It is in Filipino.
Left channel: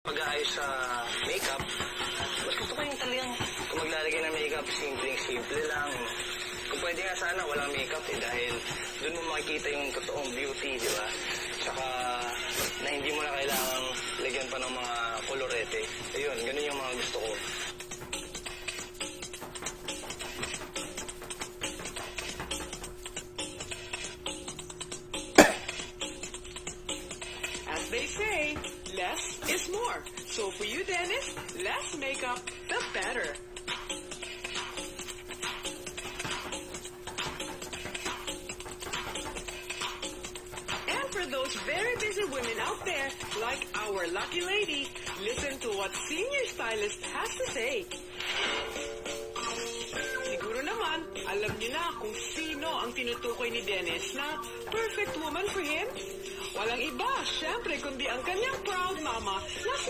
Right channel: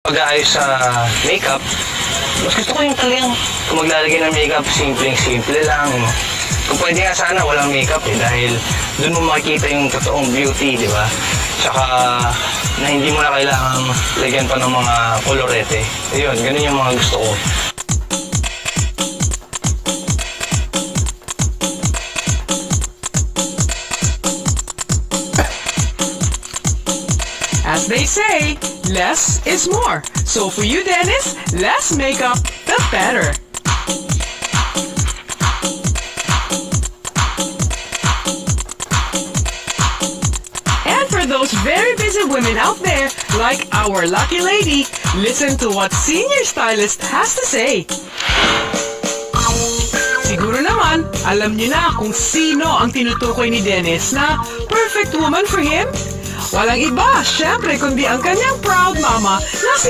Pag-aayos sa makeup, mas gusto ko yung talagang kung maglalagay ng makeup, simple lang. Kung pwede nga sana walang makeup dahil doon mo makikita yung totoong beauty, di ba? Tsaka na hindi mo na kailangang lagyan pa ng mga kolorete. Ayun, ganun yung mga gusto ko. As they say, less is more. So for you, Dennis, less makeup, the better. And for those very busy women out there, like our lucky lady, listen to what Senior Stylist has to say. Siguro naman, alam niyo na kung sino ang tinutukoy ni Dennis na perfect woman for him? Walang iba, syempre, kundi ang kanyang proud mama na si